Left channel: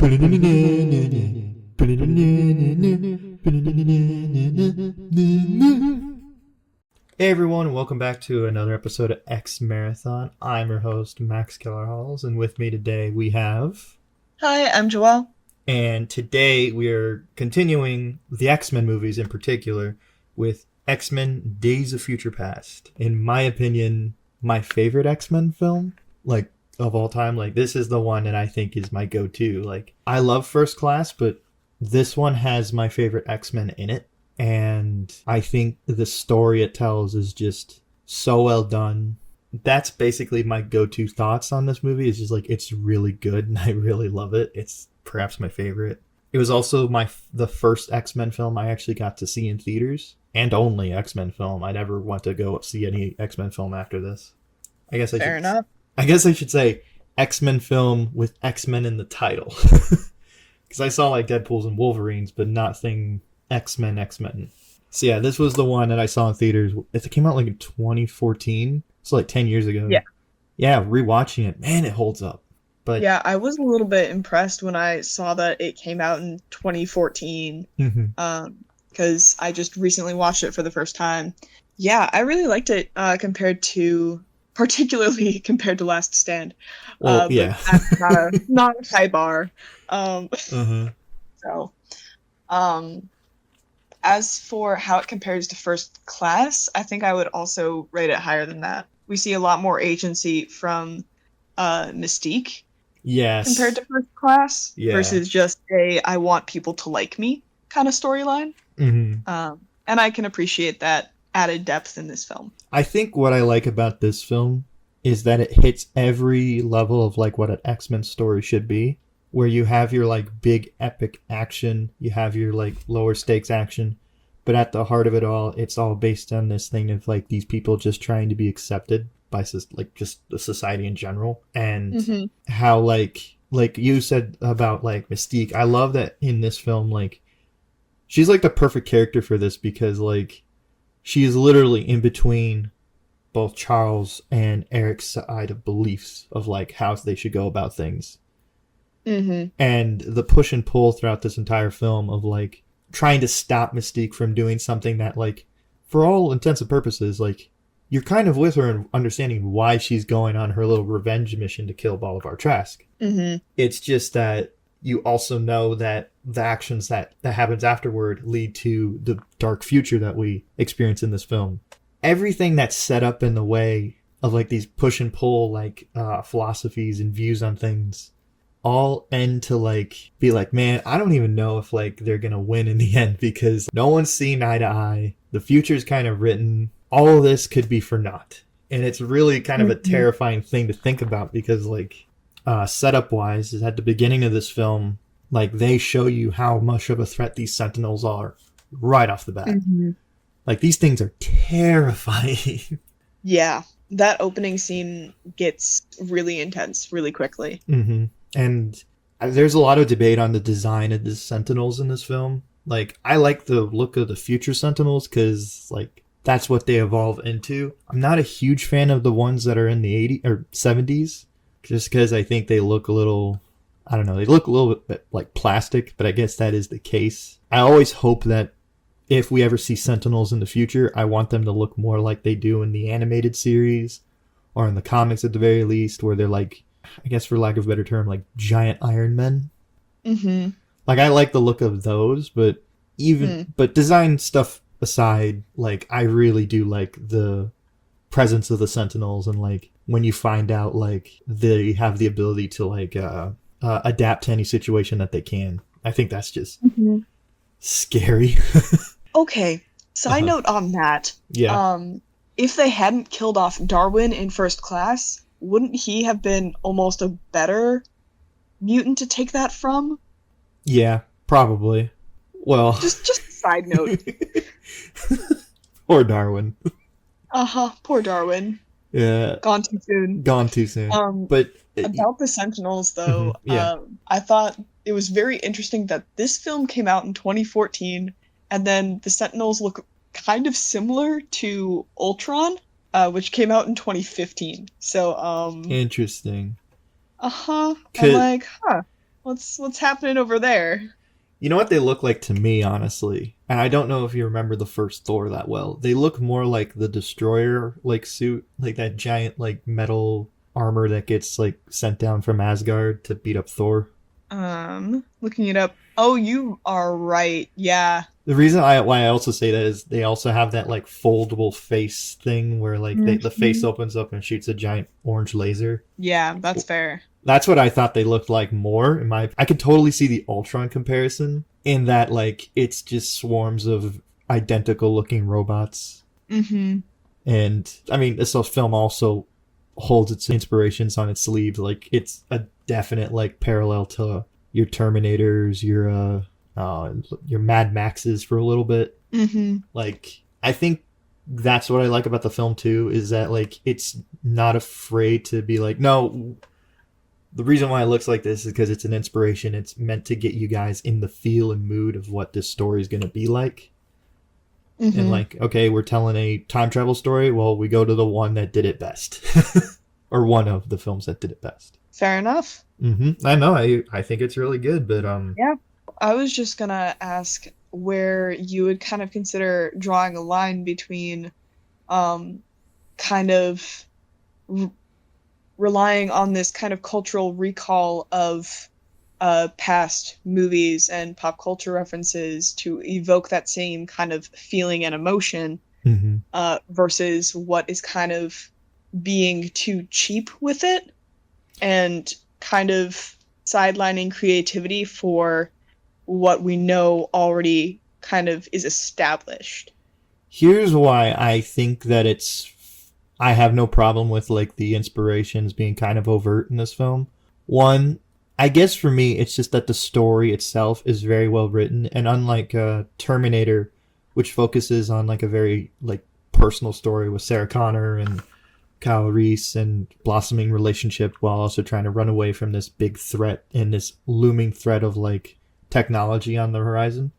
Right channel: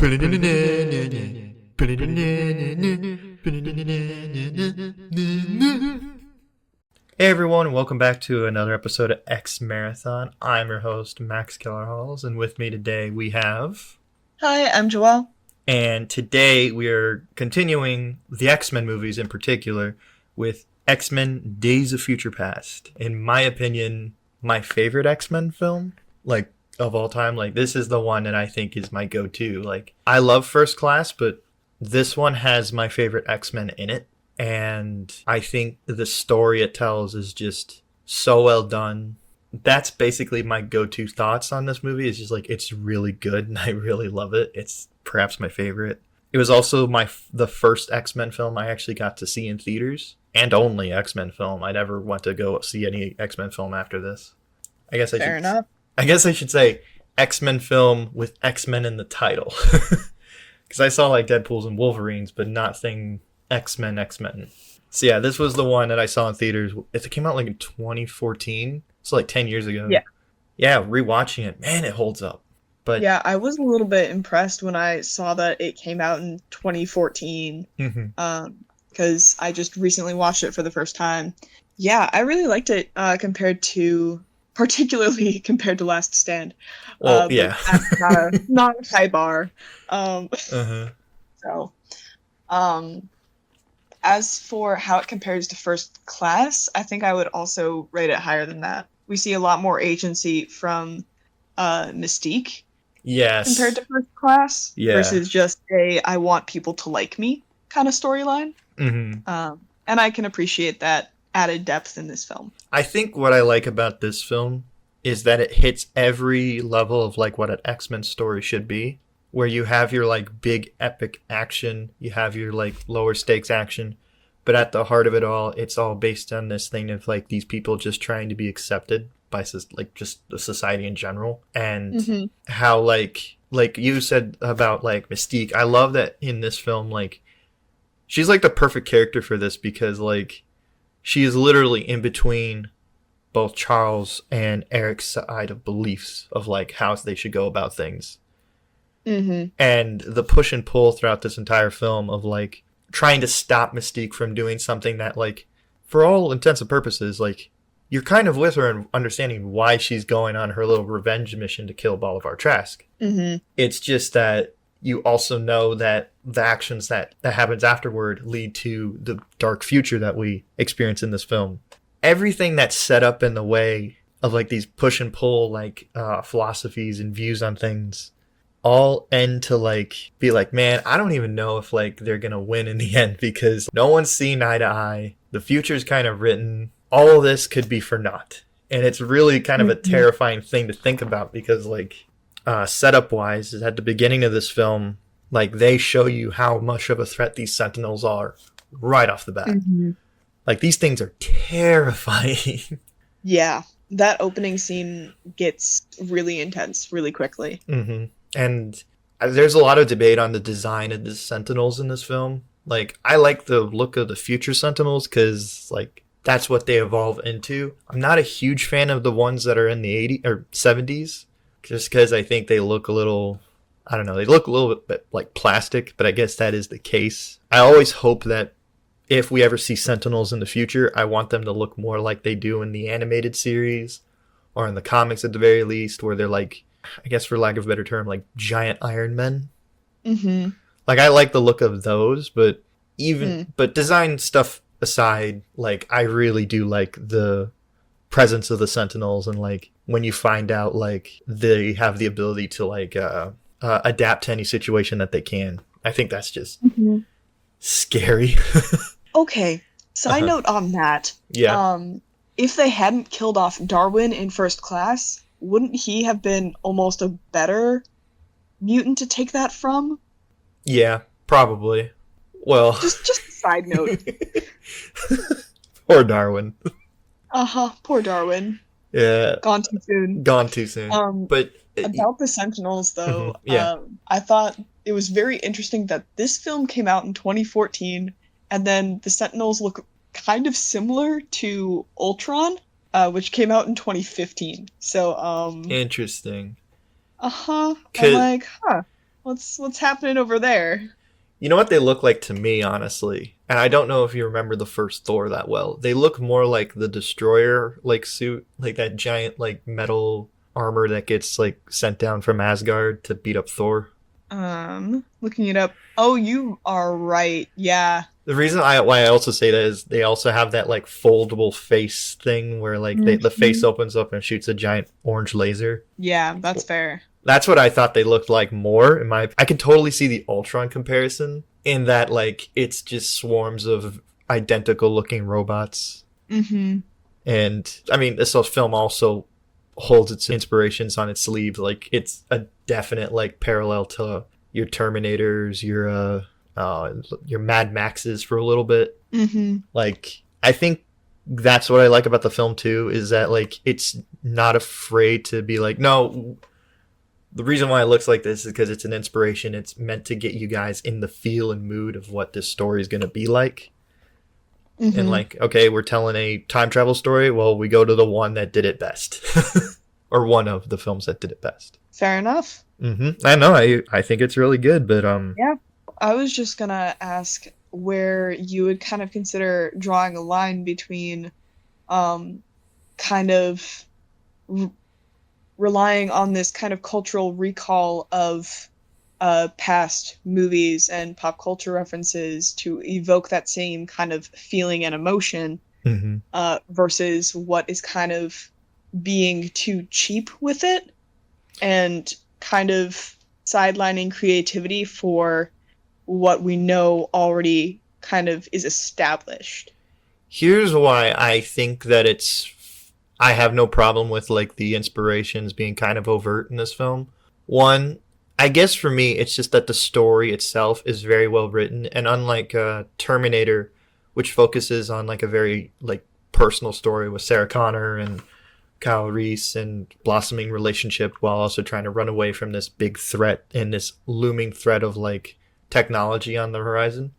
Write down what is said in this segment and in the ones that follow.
Hey everyone, and welcome back to another episode of X Marathon. I'm your host, Max Kellerhalls, and with me today we have... Hi, I'm Joelle. And today we are continuing the X-Men movies in particular with X-Men Days of Future Past. In my opinion, my favorite X-Men film, of all time. This is the one that I think is my go-to. I love First Class, but this one has my favorite X-Men in it. And I think the story it tells is just so well done. That's basically my go-to thoughts on this movie. It's just it's really good and I really love it. It's perhaps my favorite. It was also the first X-Men film I actually got to see in theaters, and only X-Men film. I never went to go see any X-Men film after this. Fair enough. I guess I should say X-Men film with X-Men in the title. Because I saw Deadpools and Wolverines, but nothing X-Men. So yeah, this was the one that I saw in theaters. It came out in 2014. So 10 years ago. Yeah. Yeah, rewatching it, man, it holds up. But yeah, I was a little bit impressed when I saw that it came out in 2014. Because I just recently watched it for the first time. Yeah, I really liked it particularly compared to Last Stand. Well, yeah. But that's not a high bar. So, as for how it compares to First Class, I think I would also rate it higher than that. We see a lot more agency from Mystique. Yes. Compared to First Class. Yeah. Versus just I want people to like me kind of storyline. And I can appreciate that added depth in this film. I think what I like about this film is that it hits every level of what an X-Men story should be. Where you have your big epic action, you have your lower stakes action, but at the heart of it all, it's all based on this thing of these people just trying to be accepted by just the society in general, and how you said about Mystique. I love that in this film, she's the perfect character for this because she is literally in between both Charles and Eric's side of beliefs of how they should go about things. And the push and pull throughout this entire film of trying to stop Mystique from doing something that for all intents and purposes you're kind of with her and understanding why she's going on her little revenge mission to kill Bolivar Trask. It's just that you also know that the actions that happens afterward lead to the dark future that we experience in this film. Everything that's set up in the way of these push and pull philosophies and views on things all end to be man, I don't even know if they're gonna win in the end because no one's seen eye to eye. The future's kind of written. All of this could be for naught, and it's really kind of a terrifying thing to think about because setup wise is at the beginning of this film they show you how much of a threat these Sentinels are right off the bat. These things are terrifying. Yeah, that opening scene gets really intense really quickly. And there's a lot of debate on the design of the Sentinels in this film. I like the look of the future Sentinels because, that's what they evolve into. I'm not a huge fan of the ones that are in the 80s or 70s just because I think they look a little, I don't know, they look a little bit like plastic, but I guess that is the case. I always hope that if we ever see Sentinels in the future, I want them to look more like they do in the animated series or in the comics at the very least, where they're I guess for lack of a better term, giant Iron Men. I like the look of those, but but design stuff aside, I really do like the presence of the Sentinels and when you find out they have the ability to adapt to any situation that they can. I think that's just scary. Okay, side note on that. Yeah. If they hadn't killed off Darwin in First Class, wouldn't he have been almost a better mutant to take that from? Yeah, probably. Well, just a side note. Poor Darwin. Poor Darwin. Yeah. Gone too soon. But about the Sentinels, though, yeah. I thought it was very interesting that this film came out in 2014, and then the Sentinels look kind of similar to Ultron, which came out in 2015. So, interesting. I'm What's happening over there? You know what they look like to me, honestly? And I don't know if you remember the first Thor that well. They look more like the Destroyer like suit, like that giant like metal armor that gets like sent down from Asgard to beat up Thor. Looking it up. Oh, you are right. Yeah. The reason why I also say that is they also have that like foldable face thing where like the face Mhm. opens up and shoots a giant orange laser. Yeah, that's fair. That's what I thought they looked like more. In my, I could totally see the Ultron comparison in that like it's just swarms of identical looking robots. Mm-hmm. And I mean, this film also holds its inspirations on its sleeve. Like it's a definite like parallel to your Terminators, your Mad Maxes for a little bit. Mm-hmm. Like I think that's what I like about the film too is that like it's not afraid to be like, no, the reason why it looks like this is because it's an inspiration. It's meant to get you guys in the feel and mood of what this story is going to be like. And Mm-hmm. like, okay, we're telling a time travel story. Well, we go to the one that did it best, or one of the films that did it best. Fair enough. I know. I think it's really good, but Yeah. I was just gonna ask where you would kind of consider drawing a line between um kind of r relying on this kind of cultural recall of past movies and pop culture references to evoke that same kind of feeling and emotion mhm. versus what is kind of being too cheap with it and kind of sidelining creativity for what we know already kind of is established. Here's why I think that it's. I have no problem with like the inspirations being kind of overt in this film. One, I guess for me, it's just that the story itself is very well written, and unlike Terminator, which focuses on like a very like personal story with Sarah Connor and Kyle Reese and blossoming relationship while also trying to run away from this big threat and this looming threat of like technology on the horizon.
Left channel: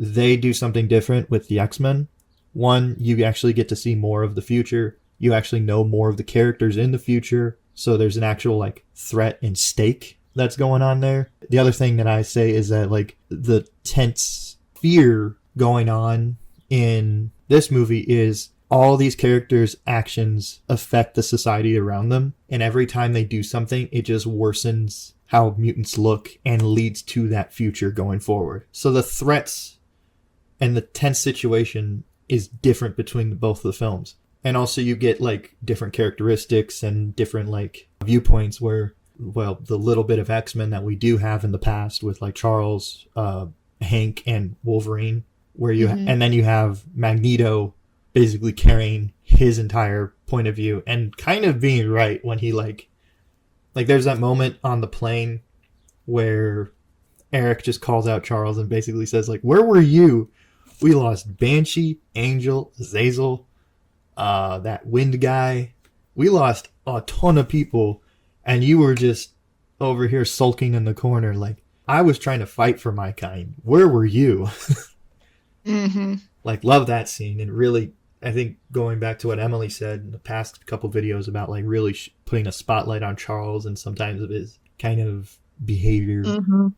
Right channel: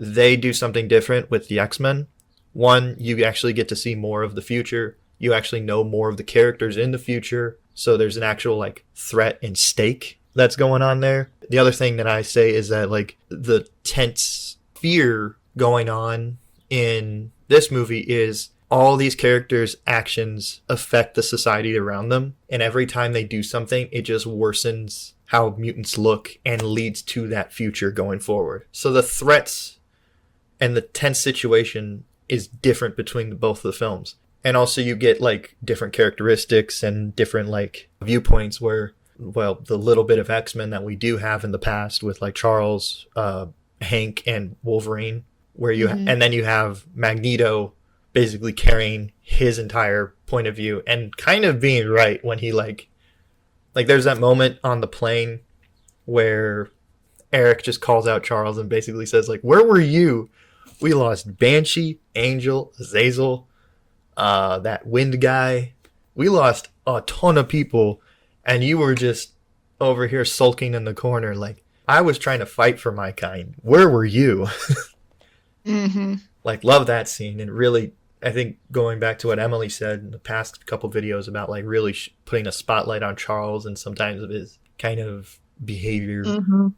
They do something different with the X-Men. One, you actually get to see more of the future. You actually know more of the characters in the future. So there's an actual like threat and stake that's going on there. The other thing that I say is that like the tense fear going on in this movie is all these characters' actions affect the society around them. And every time they do something, it just worsens how mutants look and leads to that future going forward. So the threats and the tense situation is different between both of the films. And also you get like different characteristics and different like viewpoints where, well, the little bit of X-Men that we do have in the past with like Charles, Hank, and Wolverine, where Mm-hmm. and then you have Magneto basically carrying his entire point of view and kind of being right when he like there's that moment on the plane where Eric just calls out Charles and basically says like, where were you? We lost Banshee, Angel, Azazel, that Wind guy. We lost a ton of people, and you were just over here sulking in the corner. Like, I was trying to fight for my kind. Where were you? Mm-hmm. Like, love that scene. And really, I think going back to what Emily said in the past couple videos about like really putting a spotlight on Charles and sometimes of his kind of behavior. Mm-hmm.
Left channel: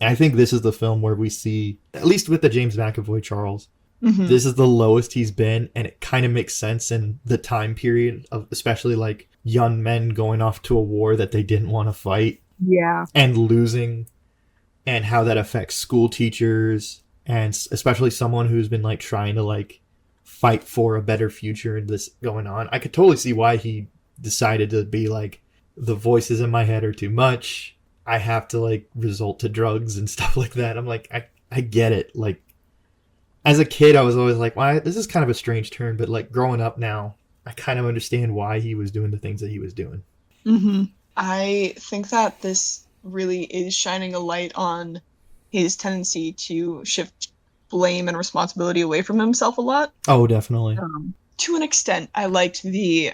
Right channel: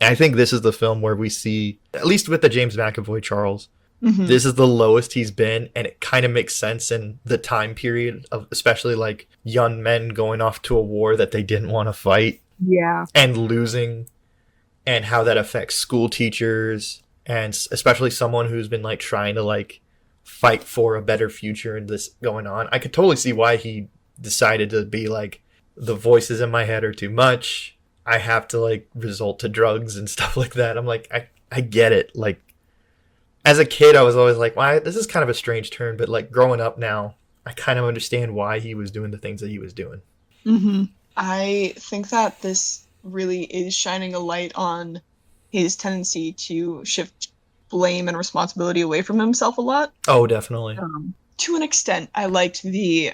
I think this is the film where we see, at least with the James McAvoy Charles, Mm-hmm. this is the lowest he's been, and it kind of makes sense in the time period of especially like young men going off to a war that they didn't want to fight Yeah. and losing, and how that affects school teachers and especially someone who's been like trying to like fight for a better future and this going on. I could totally see why he decided to be like, the voices in my head are too much. I have to like resort to drugs and stuff like that. I'm like, I get it. Like as a kid, I was always like, why? This is kind of a strange turn. But like growing up now, I kind of understand why he was doing the things that he was doing. Mm-hmm. I think that this really is shining a light on his tendency to shift blame and responsibility away from himself a lot. Oh, definitely. To an extent, I liked the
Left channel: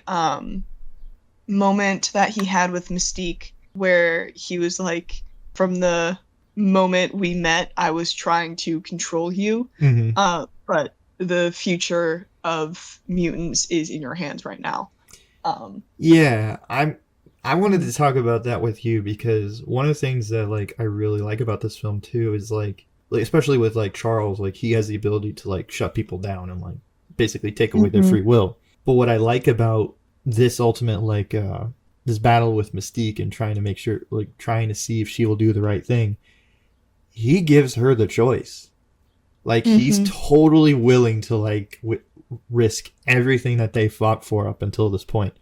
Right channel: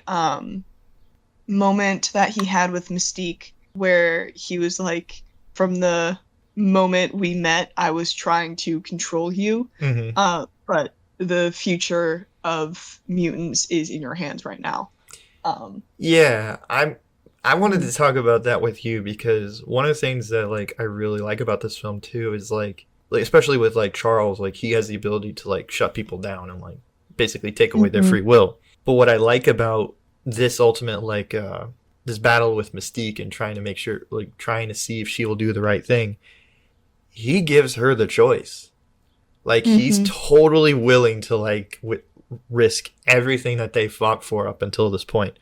moment that he had with Mystique, where he was like, from the moment we met, I was trying to control you, Mm-hmm. but the future of mutants is in your hands right now. Um, Yeah, I wanted to talk about that with you because one of the things that like I really like about this film too is like especially with like Charles, like he has the ability to like shut people down and like basically take away their Mm-hmm. free will. But what I like about this ultimate like this battle with Mystique and trying to make sure like trying to see if she will do the right thing, he gives her the choice. Like he's Mm-hmm. totally willing to like risk everything that they fought for up until this point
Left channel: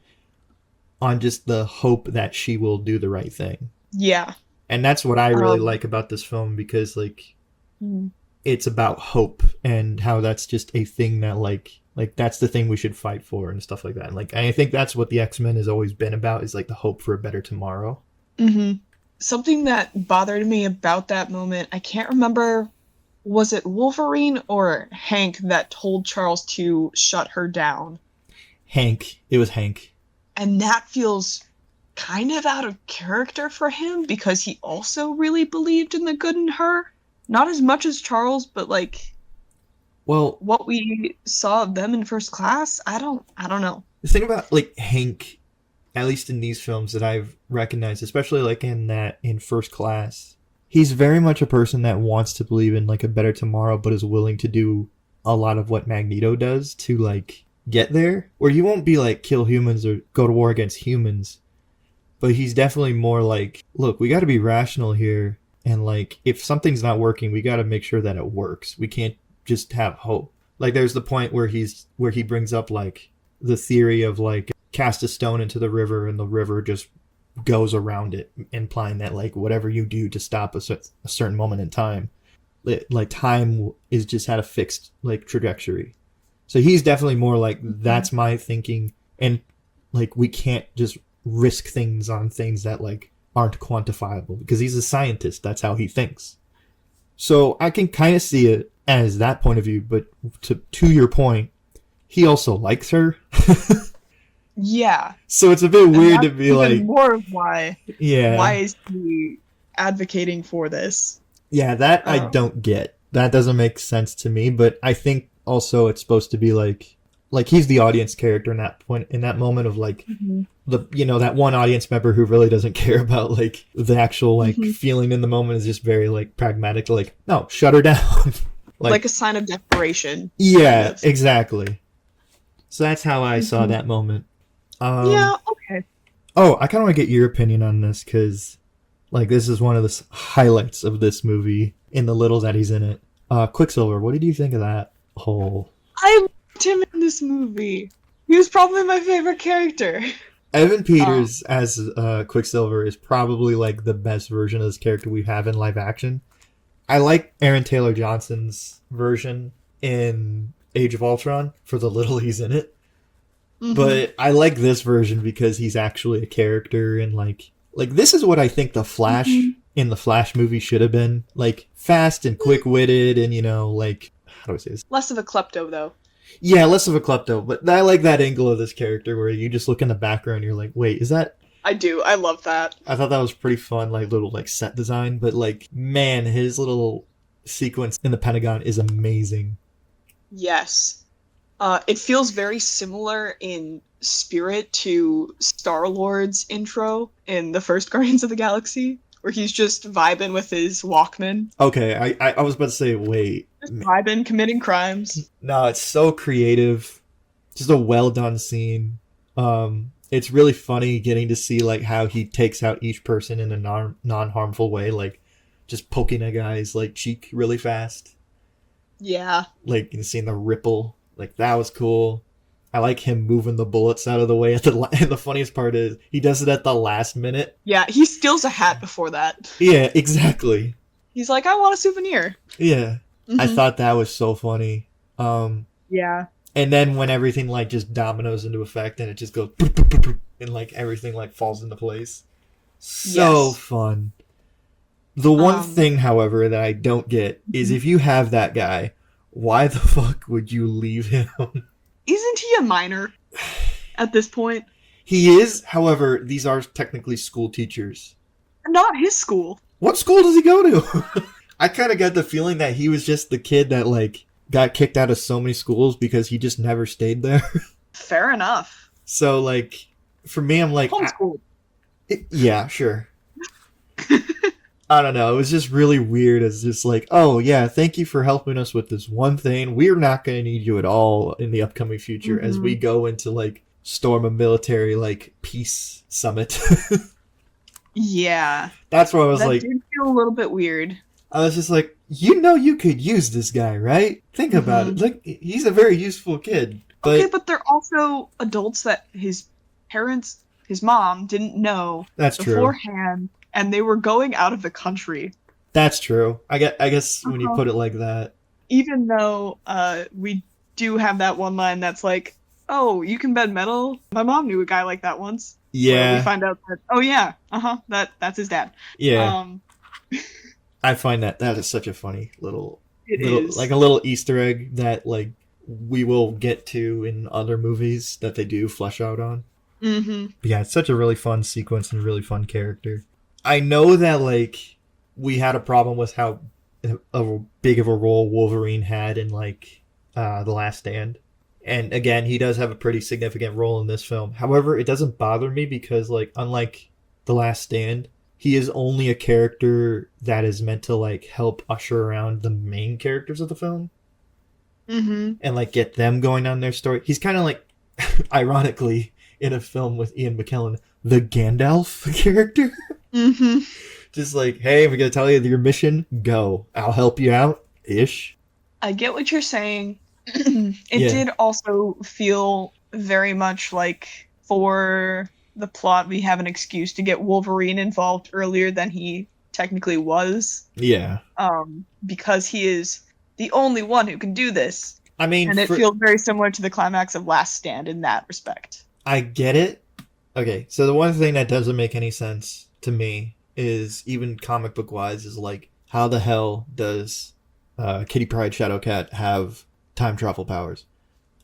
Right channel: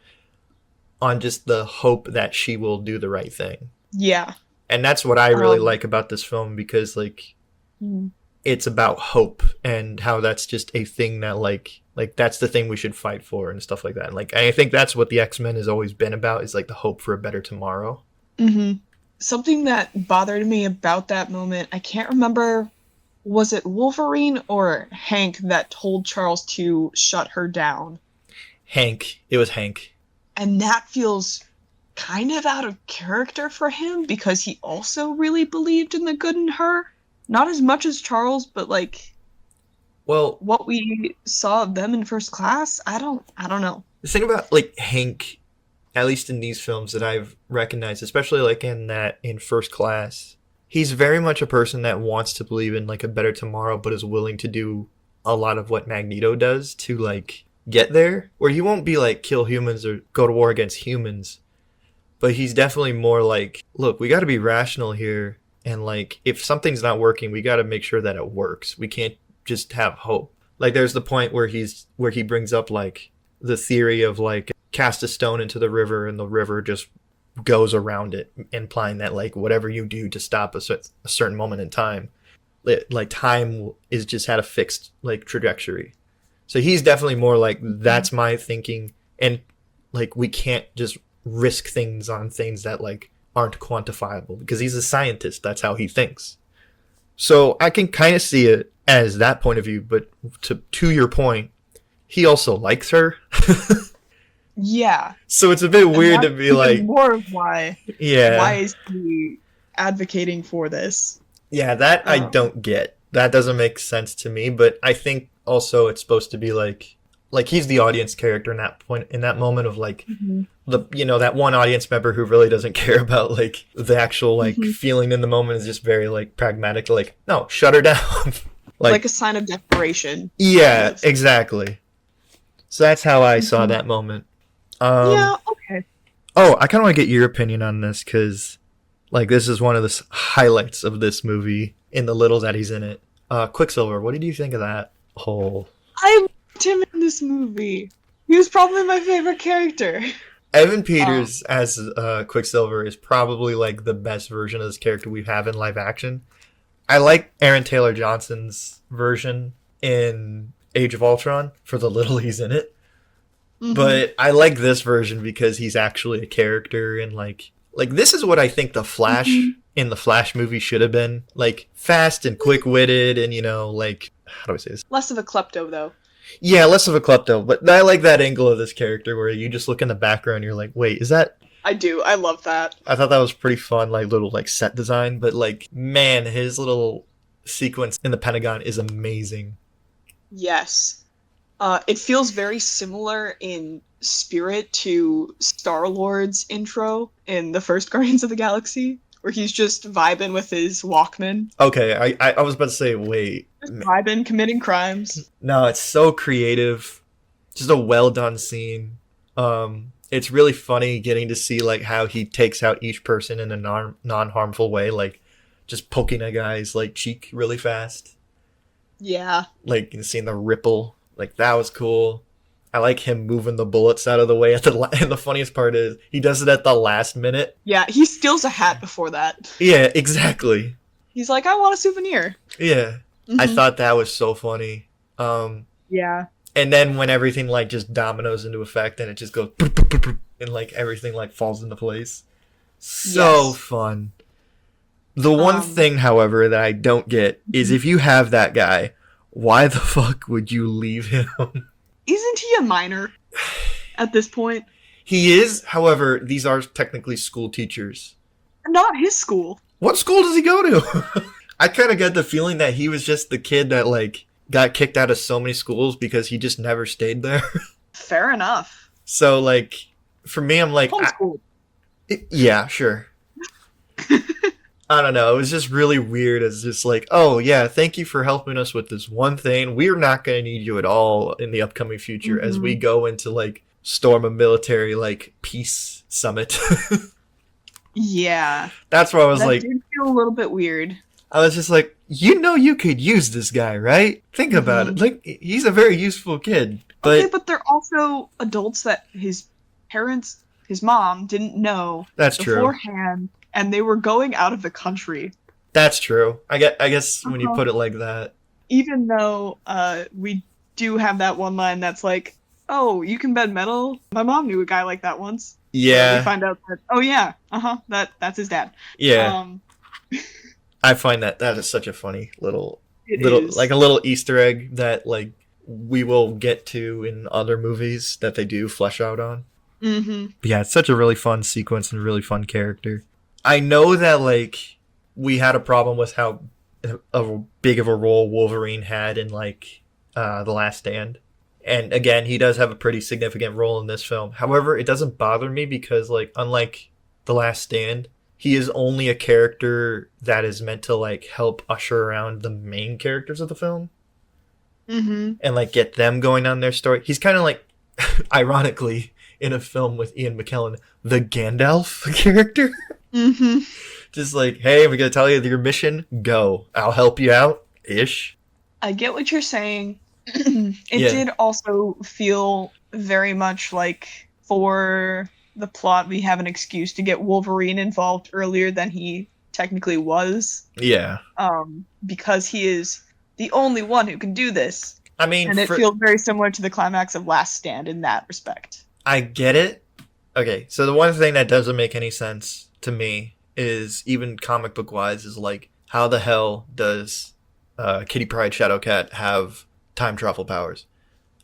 on just the hope that she will do the right thing. Yeah. And that's what I really Um. like about this film because like Mm. it's about hope and how that's just a thing that like that's the thing we should fight for and stuff like that. And like I think that's what the X-Men has always been about is like the hope for a better tomorrow. Mm-hmm. Something that bothered me about that moment, I can't remember, was it Wolverine or Hank that told Charles to shut her down? Hank, it was Hank. And that feels kind of out of character for him because he also really believed in the good in her. Not as much as Charles, but like Well, what we saw of them in First Class, I don't know. the thing about like Hank, at least in these films that I've recognized, especially like in First Class, he's very much a person that wants to believe in like a better tomorrow, but is willing to do a lot of what Magneto does to like get there. Where he won't be like kill humans or go to war against humans, but he's definitely more like, look, we got to be rational here, and like if something's not working, we got to make sure that it works. We can't just have hope. Like there's the point where he brings up like the theory of like cast a stone into the river and the river just goes around it, implying that like whatever you do to stop a certain moment in time, like time is just had a fixed like trajectory. So he's definitely more like that's my thinking, and like we can't just risk things on things that like aren't quantifiable because he's a scientist. That's how he thinks. So I can kind of see it as that point of view, but to your point, he also likes her. Yeah, So it's a bit and weird to that's be even like, more of why yeah, is he advocating for this? yeah, that I Um, don't get. That doesn't make sense to me. But I think also it's supposed to be like he's the audience character in that point, in that moment of like mhm, the that one audience member who really doesn't care about like the actual like mhm. feeling in the moment is just very like pragmatic. Like no, shut her down. Like Like a sign of desperation, kind yeah, of. exactly. So that's how I saw Mhm. that moment. Um, Yeah, okay. oh, I kind of want to get your opinion on this because like this is one of the highlights of this movie in the little that he's in it. Quicksilver, what did you think of that whole I loved him in this movie. He was probably my favorite character. Evan Um, Peters as Quicksilver is probably like the best version of this character we have in live action. I like Aaron Taylor Johnson's version in Age of Ultron for the little he's in it, mhm, but I like this version because he's actually a character and like this is what I think the Flash mhm. in the Flash movie should have been, like fast and quick witted and like how do I say this? Less of a klepto, though. Yeah, less of a klepto, but I like that angle of this character where you just look in the background and you're like, wait, is that I do. I love that. I thought that was pretty fun, like little like set design. But like, man, his little sequence in the Pentagon is amazing. Yes. It feels very similar in spirit to Star-Lord's intro in the first Guardians of the Galaxy, where he's just vibing with his Walkman, Okay, I was about to say, wait, just vibing, committing crimes. no, it's so creative, just a well done scene. It's really funny getting to see like how he takes out each person in a non harmful way, like just poking a guy's like cheek really fast, Yeah. like and seeing the ripple, like that was cool. I like him moving the bullets out of the way at and the funniest part is he does it at the last minute. Yeah, he steals a hat before that. Yeah, exactly. He's like, I want a souvenir. Yeah. I Hmm. thought that was so funny. Yeah. And then when everything like just dominoes into effect and it just goes and like everything like falls into place. So Yes. fun. The one Um, thing, however, that I don't get is mhm. if you have that guy, why the fuck would you leave him? Isn't he a minor at this point? He is, however, these are technically school teachers. Not his school. What school does he go to? I kind of got the feeling that he was just the kid that like got kicked out of so many schools because he just never stayed there. Fair enough. So like for me, I'm like, Homeschool. Yeah, sure. I don't know. It was just really weird. It's just like, oh yeah, thank you for helping us with this one thing. We're not going to need you at all in the upcoming future as we Hmm. go into like storm a military like peace summit. Yeah, That's where I was that like, did feel a little bit weird. I was just like, you know, you could use this guy, right? Think about it. Hmm. Like, he's a very useful kid, Okay, but but they're also adults that his parents, his mom, didn't know that's true. beforehand, and they were going out of the country. That's true. I guess when you Uh-huh. put it like that, Even though we do have that one line that's like, "Oh, you can bend metal." My mom knew a guy like that once, where we yeah, find out that, oh yeah, that's his dad. yeah. Um, I find that is such a funny it little like is. a little Easter egg that like we will get to in other movies that they do flesh out on. Mm-hmm. But yeah, it's such a really fun sequence and really fun character. I know that like we had a problem with how big of a role Wolverine had in like the Last Stand. And again, he does have a pretty significant role in this film. However, it doesn't bother me because like unlike the Last Stand, he is only a character that is meant to like help usher around the main characters of the film Mm-hmm. and like get them going on their story. He's kind of like ironically in a film with Ian McKellen, the Gandalf character. Mm-hmm. Just like, hey, we're gonna tell you your mission. Go. I'll help you out. Ish. I get what you're saying. It Yeah. did also feel very much like for the plot, we have an excuse to get Wolverine involved earlier than he technically was, Yeah. because he is the only one who can do this. I mean, And it for feels very similar to the climax of Last Stand in that respect. I get it. Okay, so the one thing that doesn't make any sense to me is even comic book wise is like how the hell does Kitty Pryde Shadowcat have time travel powers?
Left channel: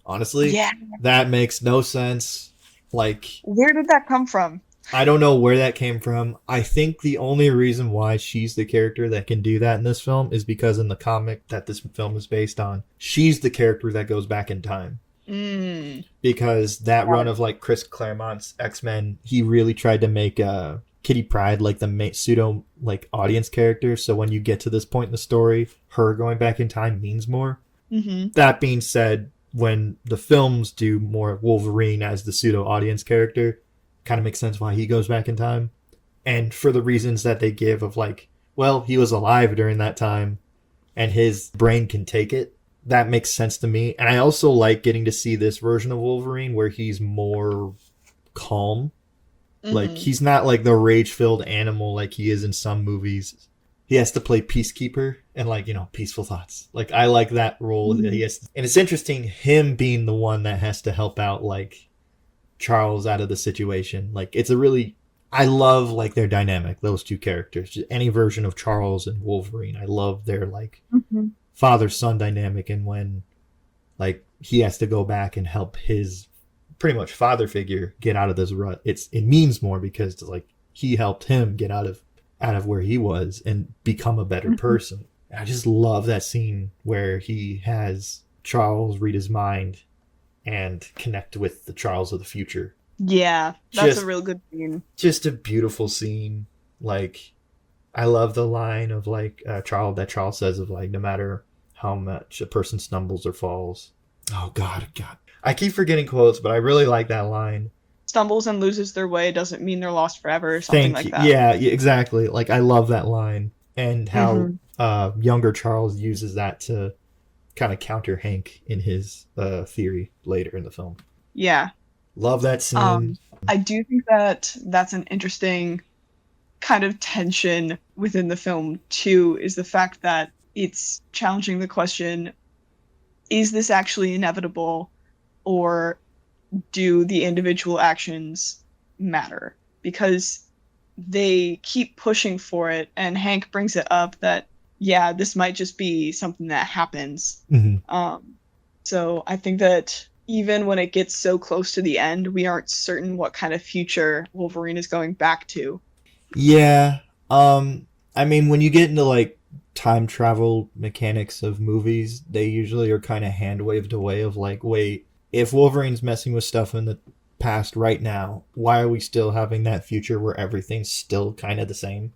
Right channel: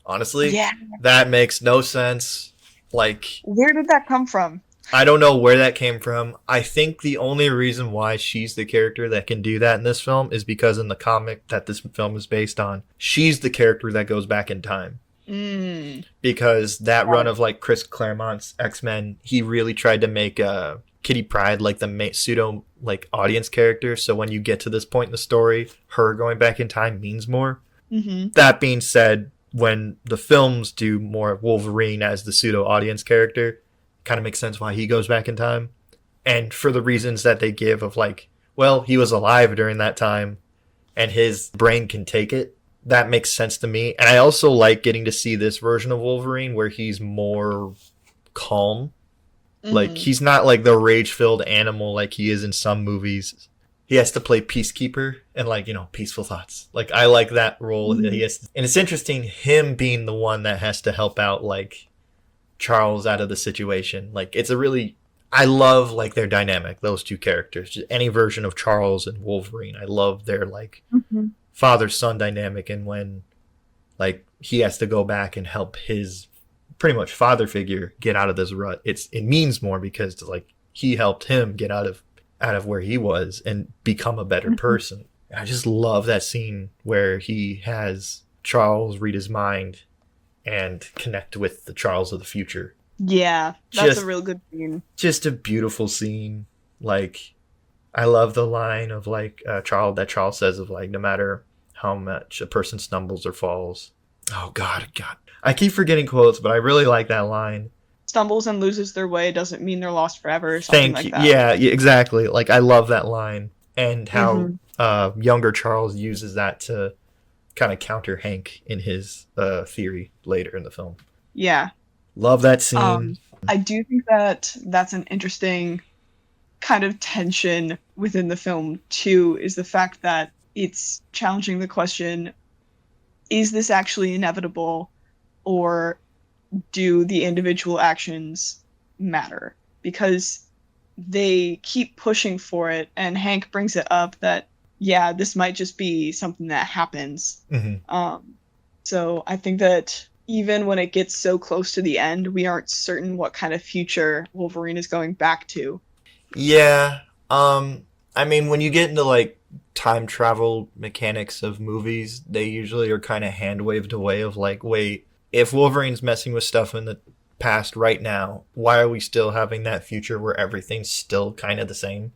Honestly, Yeah. that makes no sense. Like Where did that come from? I don't know where that came from. I think the only reason why she's the character that can do that in this film is because in the comic that this film is based on, she's the character that goes back in time. Mm, Because that got run it. of like Chris Claremont's X-Men, he really tried to make Kitty Pryde like the pseudo like audience character. So when you get to this point in the story, her going back in time means more. Mm-hmm. That being said, when the films do more Wolverine as the pseudo audience character, kind of makes sense why he goes back in time. And for the reasons that they give of like, well, he was alive during that time and his brain can take it. That makes sense to me. And I also like getting to see this version of Wolverine where he's more calm. Like Mm-hmm. he's not like the rage-filled animal like he is in some movies. He has to play peacekeeper and like, peaceful thoughts. Like I like that role that he Mm-hmm. has to, and it's interesting him being the one that has to help out like Charles out of the situation. Like it's a really I love like their dynamic, those two characters. Just any version of Charles and Wolverine. I love their like Mm-hmm. father son dynamic and when like he has to go back and help his pretty much father figure get out of this rut. It means more because like he helped him get out of where he was and become a better Mm-hmm. person. I just love that scene where he has Charles read his mind and connect with the Charles of the future. Yeah, that's a Just real good scene. just a beautiful scene. Like I love the line of like Charles says of like no matter how much a person stumbles or falls. Oh God. I keep forgetting quotes, but I really like that line. Stumbles and loses their way doesn't mean they're lost forever, or something Thank like you. that. Yeah, exactly. Like I love that line and how Mm-hmm. younger Charles uses that to kind of counter Hank in his theory later in the film. Yeah. Love that scene. Um, I do think that that's an interesting kind of tension within the film too, is the fact that it's challenging the question, is this actually inevitable, or do the individual actions matter? Because they keep pushing for it, and Hank brings it up that, yeah, this might just be something that happens. Mm-hmm. Um, so I think that even when it gets so close to the end, we aren't certain what kind of future Wolverine is going back to. Yeah. I mean, when you get into like time travel mechanics of movies, they usually are kind of hand waved away of like, wait, if Wolverine's messing with stuff in the past right now, why are we still having that future where everything's still kind of the same?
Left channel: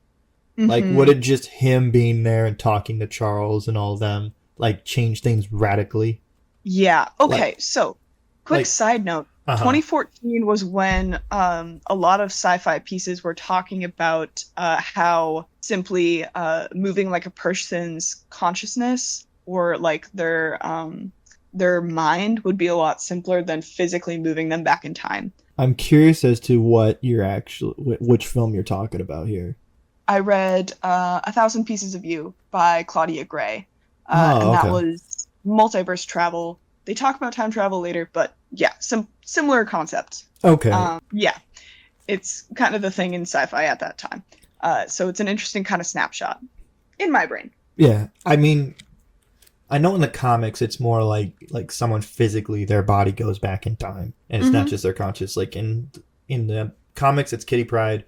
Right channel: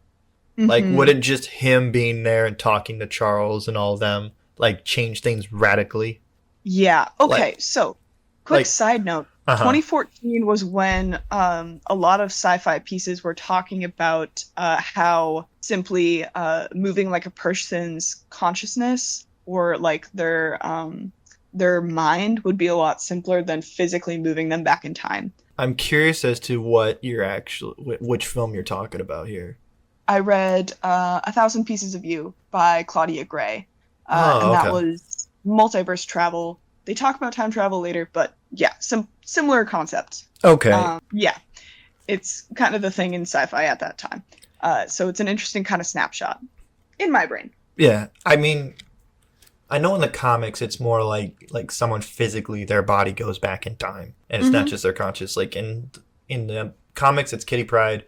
Like, Mm-hmm. wouldn't just him being there and talking to Charles and all of them, like, change things radically? Yeah. Like, Okay. So, quick like, side note. uh-huh. 2014 was when a lot of sci-fi pieces were talking about how simply moving like a person's consciousness or like their mind would be a lot simpler than physically moving them back in time. I'm curious as to what you're actually, which film you're talking about here. I read A Thousand Pieces of You by Claudia Gray, Oh, and that okay. was multiverse travel. They talk about time travel later, but yeah, some similar concepts. Okay. Yeah, it's kind of the thing in sci-fi at that time. So it's an interesting kind of snapshot in my brain. Yeah. I mean, I know in the comics it's more like someone physically their body goes back in time and it's not Hmm. just their conscious. Like in the comics it's Kitty Pryde,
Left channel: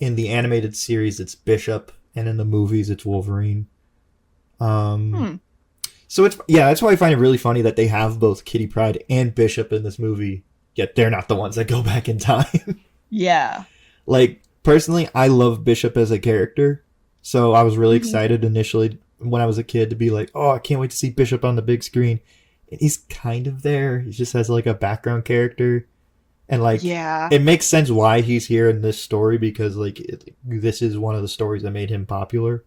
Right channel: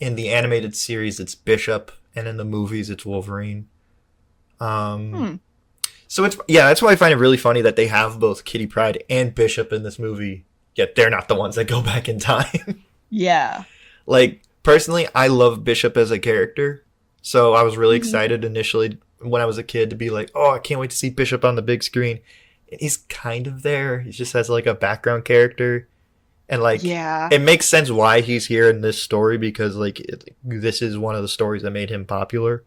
in the animated series it's Bishop, and in the movies it's Wolverine. Um Hmm. so it's yeah, that's why I find it really funny that they have both Kitty Pryde and Bishop in this movie, yet they're not the ones that go back in time. Yeah. Like personally, I love Bishop as a character, so I was really Hmm. excited initially when I was a kid to be like, "Oh, I can't wait to see Bishop on the big screen." And he's kind of there. He just has like a background character, and like Yeah. it makes sense why he's here in this story because this is one of the stories that made him popular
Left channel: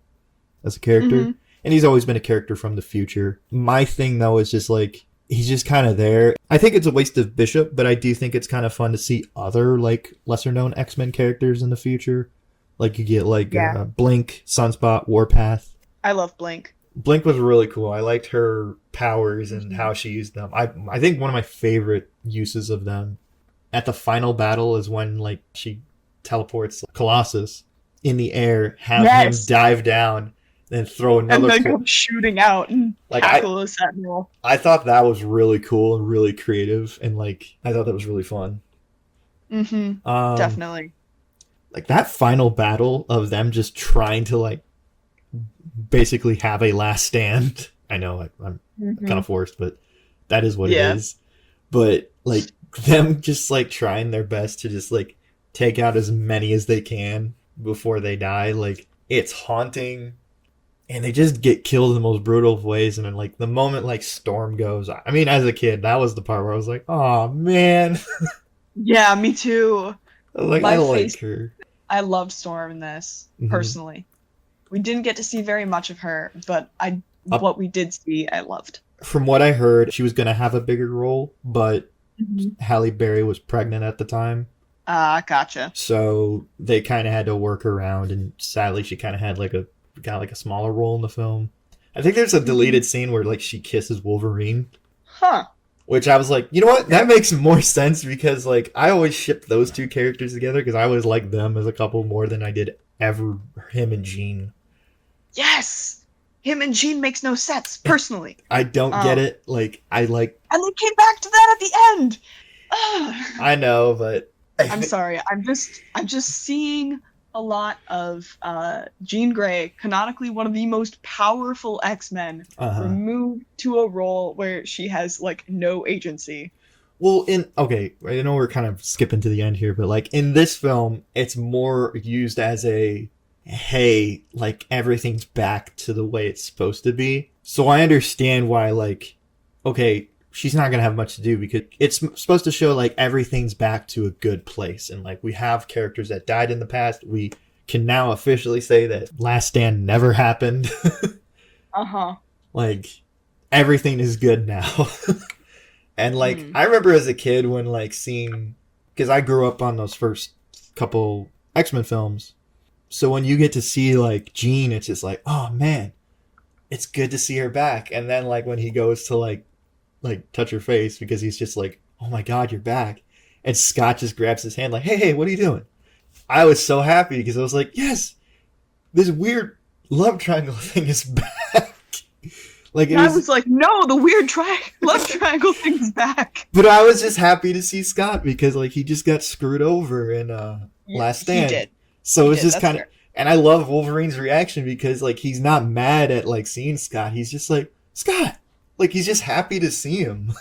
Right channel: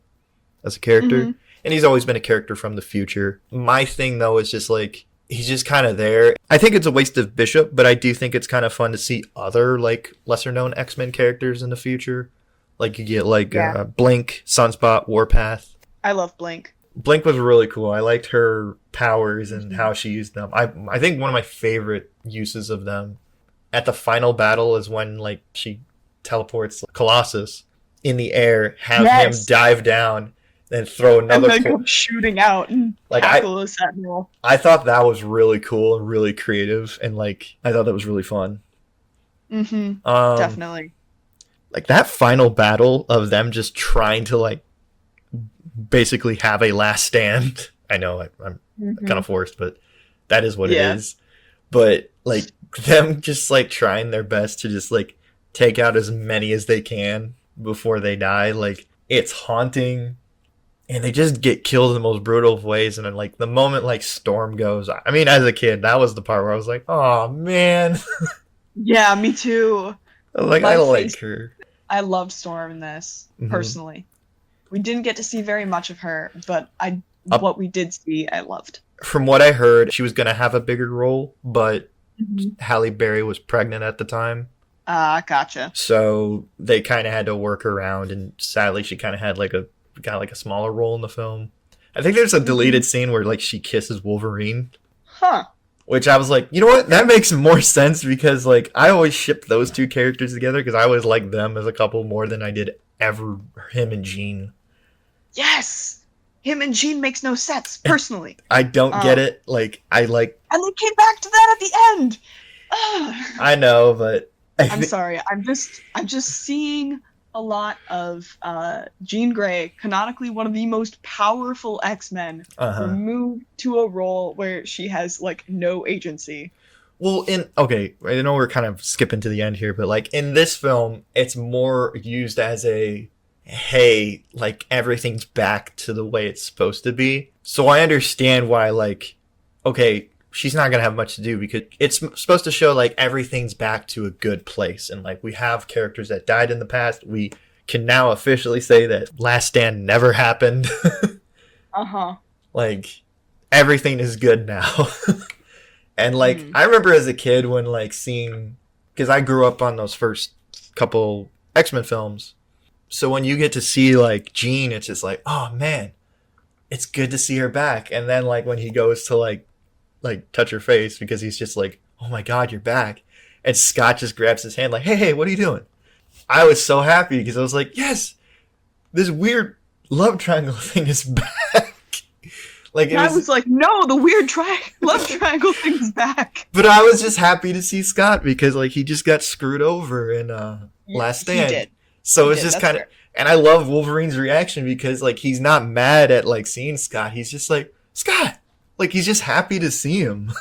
as a character, Hmm. and he's always been a character from the future. My thing though is just like he's just kind of there. I think it's a waste of Bishop, but I do think it's kind of fun to see other like lesser known X-Men characters in the future. Like you get like Yeah. Blink, Sunspot, Warpath. I love Blink. Blink was really cool. I liked her powers and Hmm. how she used them. I think one of my favorite uses of them at the final battle is when like she teleports Colossus in the air, have him Yes. dive down, then throw And another then go shooting out and like I tackle a sentinel. I thought that was really cool and really creative, and like I thought that was really fun. Hmm. Um, Definitely. like that final battle of them just trying to like basically have a last stand. I know I'm kind Hmm. of forced, but that is what it Yeah. is. But like them just like trying their best to just like take out as many as they can before they die, like it's haunting, and they just get killed in the most brutal of ways. And then like the moment like Storm goes, I mean, as a kid, that was the part where I was like, oh man, Yeah, me too. like I My like face. her. I loved Storm in this, Hmm. personally. We didn't get to see very much of her, but I Up what we did see, I loved. from what I heard, she was gonna have a bigger role, but Hmm. Halle Berry was pregnant at the time, Ah, gotcha. so they kind of had to work around. And sadly, she kind of had like a got like a smaller role in the film. I think there's a Hmm. deleted scene where like she kisses Wolverine, Huh. which I was like, you know what, that Okay. makes more sense because like I always shipped those two characters together because I always liked them as a couple more than I did ever him and Jean. Yes. Him and Jean makes no sense, personally. I don't get Um, it. Like I like and they came back to that at the end. Ugh. I know, but I I'm think sorry. I'm just seeing a lot of Jean Grey, canonically one of the most powerful X-Men, uh huh. removed to a role where she has like no agency. Well, in okay, I know we're kind of skipping to the end here, but like in this film, it's more used as a hey, like everything's back to the way it's supposed to be. So I understand why like okay, she's not going to have much to do because it's supposed to show like everything's back to a good place, and like we have characters that died in the past. We can now officially say that Last Stand never happened. Uh-huh. Like everything is good now. And like Hmm. I remember as a kid when like seeing because I grew up on those first couple X-Men films. So when you get to see like Jean, it's just like, oh man, it's good to see her back. And then like when he goes to like touch her face because he's just like, oh my god, you're back. And Scott just grabs his hand like, hey, what are you doing? I was so happy because I was like, yes, this weird love triangle thing is back. Like it And I was was like, no, the weird love triangle thing's back. But I was just happy to see Scott because like he just got screwed over in Yeah, Last he Stand. did. So He it's did. just That's kind of fair. and I love Wolverine's reaction because like he's not mad at like seeing Scott. He's just like, Scott. Like he's just happy to see him.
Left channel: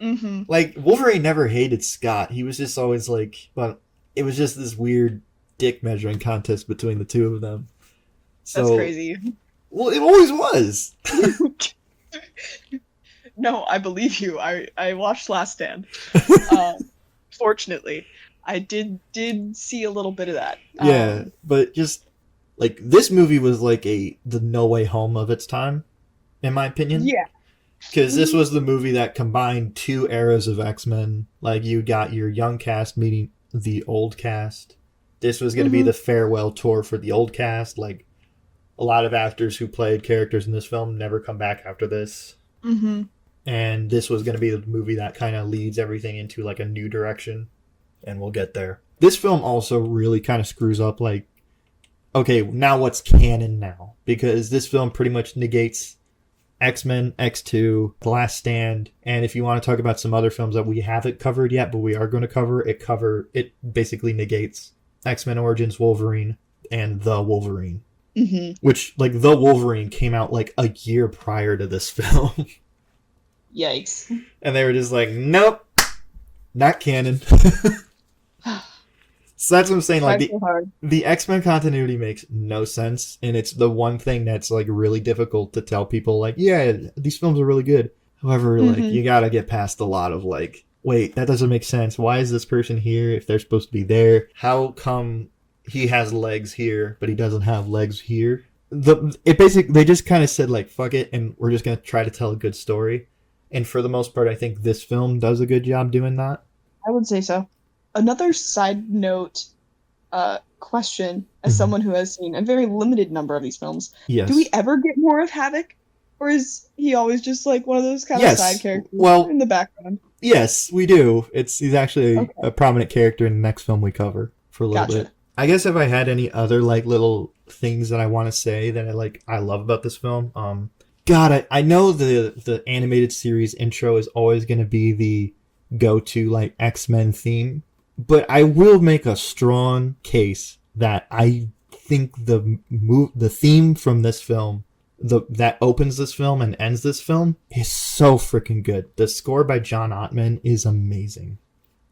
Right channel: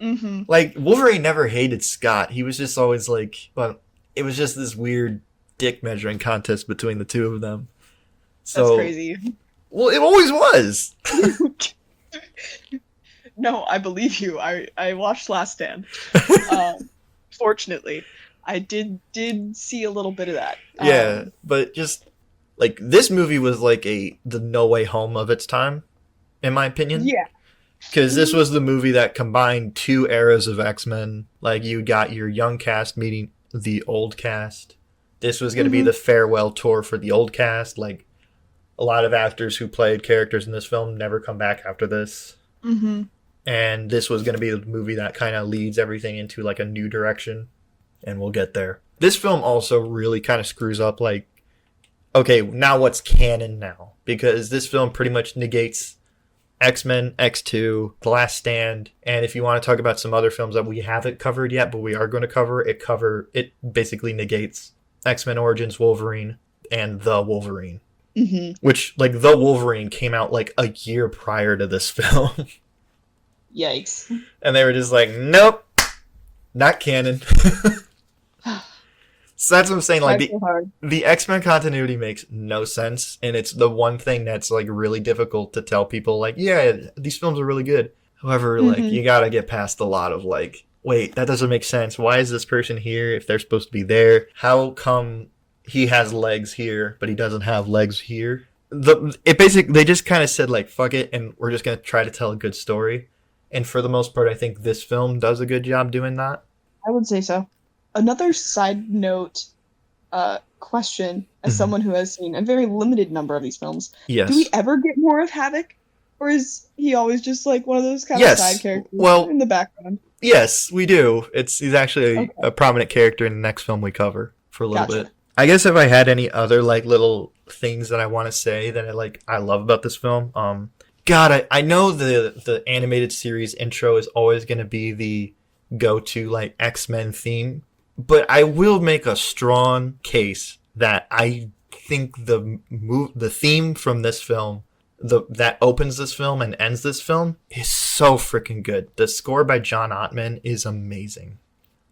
Mm-hmm. Like, Wolverine never hated Scott. He was just always like, but it was just this weird dick measuring contest between the two of them. That's So, crazy. well, it always was. No, I believe you. I watched Last Stand. Um, Fortunately, I did see a little bit of that. Yeah, but just like this movie was like the No Way Home of its time, in my opinion. Yeah. Because this Hmm. was the movie that combined two eras of X-Men. Like, you got your young cast meeting the old cast. This was going to be Hmm. the farewell tour for the old cast. Like, a lot of actors who played characters in this film never come back after this. Hmm. And this was going to be the movie that kind of leads everything into like a new direction. And we'll get there. This film also really kind of screws up, like, okay, now what's canon now? Because this film pretty much negates X-Men, X2, The Last Stand, and if you want to talk about some other films that we haven't covered yet, but we are going to it basically negates X-Men Origins Wolverine and The Wolverine. Hmm. Which, like, The Wolverine came out like a year prior to this film. Yikes. And they were just like, nope, not canon. So that's what I'm saying. Like, Tried so hard. the X-Men continuity makes no sense, and it's the one thing that's like really difficult to tell people. Like, yeah, these films are really good. However, like, Hmm. you gotta get past a lot of like, wait, that doesn't make sense. Why is this person here if they're supposed to be there? How come he has legs here but he doesn't have legs here? They just kind of said like, fuck it, and we're just gonna try to tell a good story. And for the most part, I think this film does a good job doing that. I would say so. Another side note question, as Mm-hmm. someone who has seen a very limited number of these films, do we Yes. ever get more of Havoc? Or is he always just like one of those kind of side Yes. characters Well, in the background? yes, we do. He's actually Okay, a prominent character in the next film we cover for a little bit. gotcha. I guess if I had any other like little things that I want to say that I love about this film, God, I know the animated series intro is always going to be the go to like X-Men theme, but I will make a strong case that I think the theme from this film, that opens this film and ends this film, is so freaking good. The score by John Ottman is amazing.